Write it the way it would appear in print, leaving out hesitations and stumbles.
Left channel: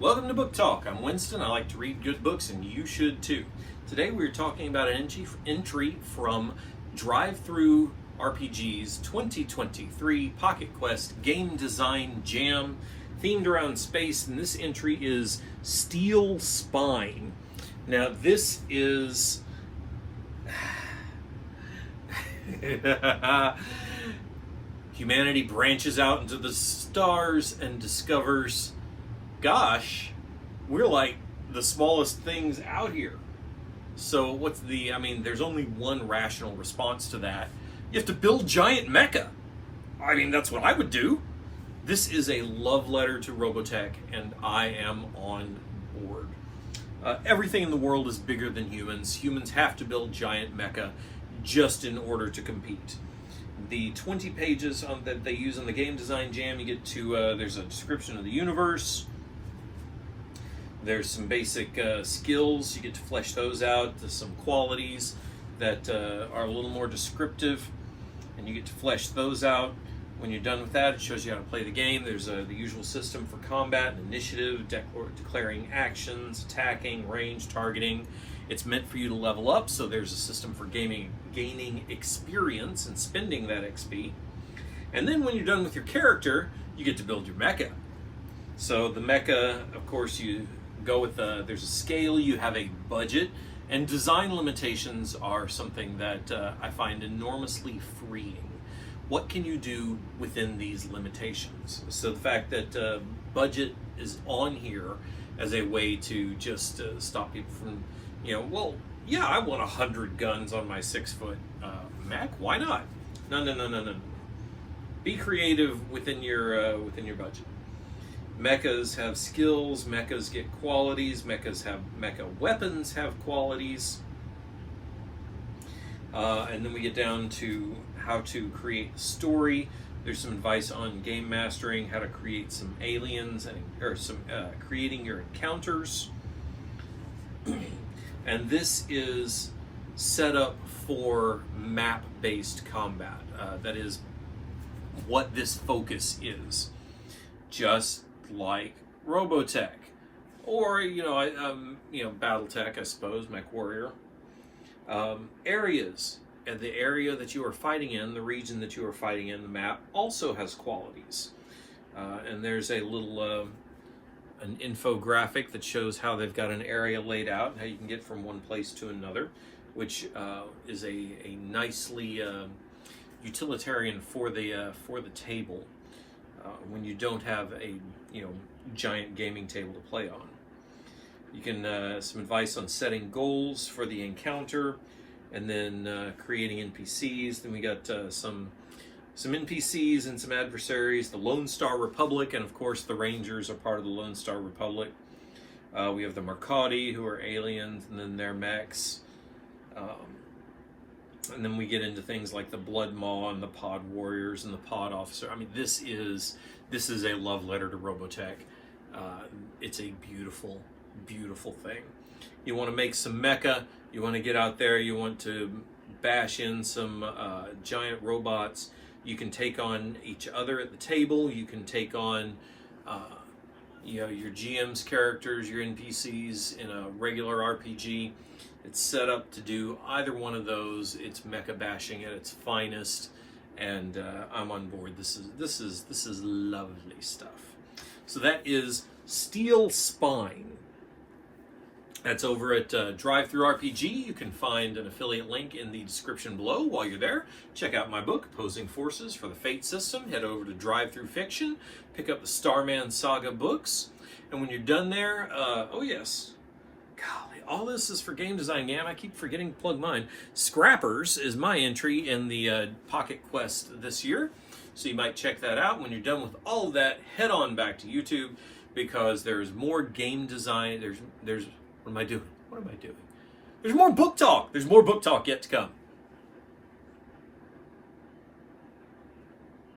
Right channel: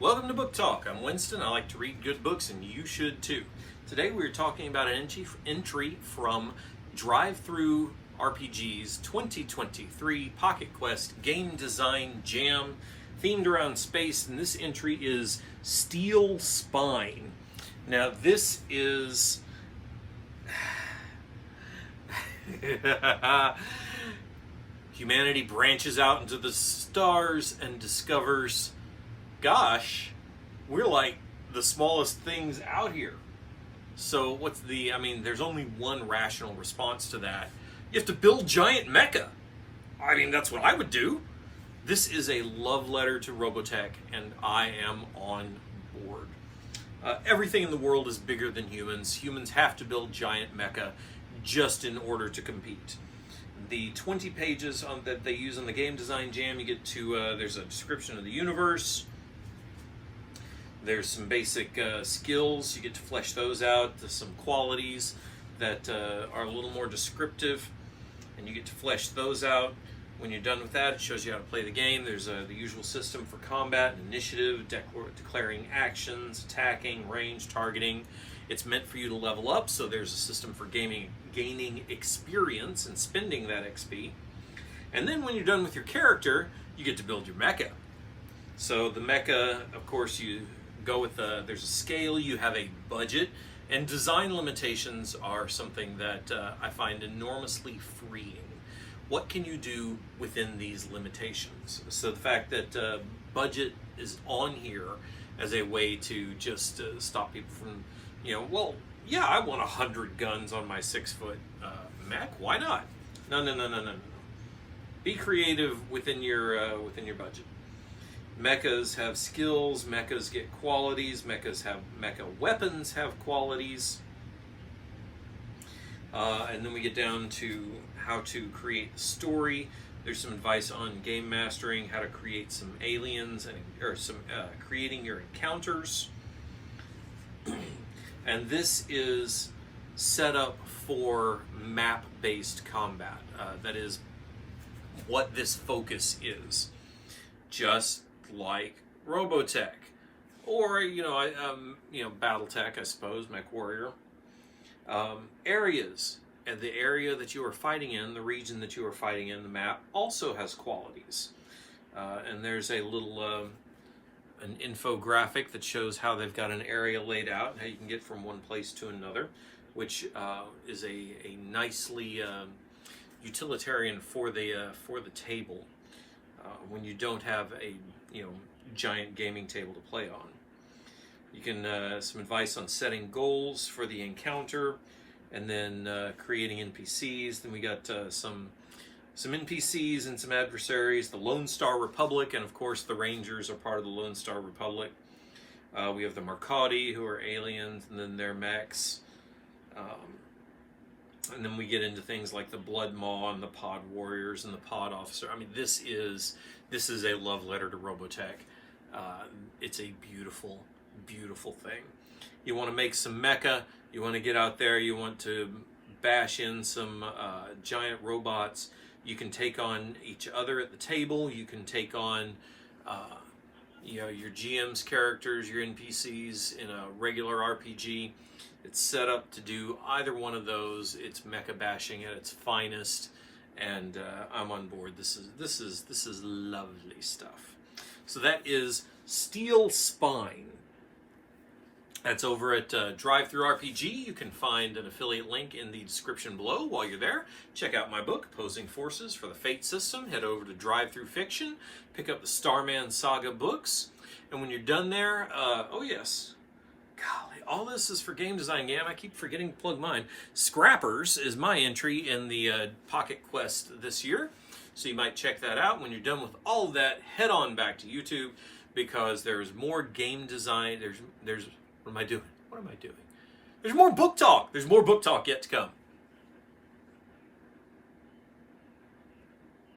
Welcome to Book Talk. I'm Winston. I like to read good books, and you should too. Today we're talking about an entry from DriveThru RPG's 2023 Pocket Quest Game Design Jam, themed around space, and this entry is Steel Spine. Now this is... Humanity branches out into the stars and discovers, gosh, we're like the smallest things out here. So there's only one rational response to that. You have to build giant mecha. That's what I would do. This is a love letter to Robotech, and I am on board. Everything in the world is bigger than humans. Humans have to build giant mecha just in order to compete. The 20 pages that they use on the Game Design Jam, you get to, there's a description of the universe. There's some basic skills. You get to flesh those out. There's some qualities that are a little more descriptive, and you get to flesh those out. When you're done with that, it shows you how to play the game. There's the usual system for combat and initiative, declaring actions, attacking, range, targeting. It's meant for you to level up, so there's a system for gaining experience and spending that XP. And then when you're done with your character, you get to build your mecha. So the mecha, of course, you go with there's a scale, you have a budget, and design limitations are something that I find enormously freeing. What can you do within these limitations? So the fact that budget is on here as a way to just stop people from, I want 100 guns on my 6-foot mech. Why not? No. Be creative within your budget. Mechas have skills. Mechas get qualities. Mecha weapons have qualities. And then we get down to how to create a story. There's some advice on game mastering, how to create some aliens, or creating your encounters. And this is set up for map-based combat. That is what this focus is. Just like Robotech, or BattleTech, I suppose, MechWarrior. Areas, and the area that you are fighting in, the region that you are fighting in, the map also has qualities. And there's a little an infographic that shows how they've got an area laid out and how you can get from one place to another, which is a nicely utilitarian for the table when you don't have a giant gaming table to play on. You can some advice on setting goals for the encounter, and then creating NPCs. Then we got some NPCs and some adversaries. The Lone Star Republic, and of course the Rangers are part of the Lone Star Republic. We have the Mercati, who are aliens, and then their mechs. And then we get into things like the Blood Maw and the Pod Warriors and the Pod Officer. This is a love letter to Robotech. It's a beautiful, beautiful thing. You want to make some mecha. You want to get out there. You want to bash in some giant robots. You can take on each other at the table. You can take on your GM's characters, your NPCs in a regular RPG. It's set up to do either one of those. It's mecha bashing at its finest, and I'm on board. This is lovely stuff. So that is Steel Spine. That's over at DriveThru RPG. You can find an affiliate link in the description below. While you're there, check out my book, Opposing Forces for the Fate System. Head over to DriveThru Fiction, pick up the Starman Saga books, and when you're done there, oh yes, golly, all this is for Game Design Jam. I keep forgetting to plug mine. Scrappers is my entry in the Pocket Quest this year, so you might check that out. When you're done with all of that, head on back to YouTube, because there's more game design. What am I doing? There's more book talk. There's more book talk yet to come.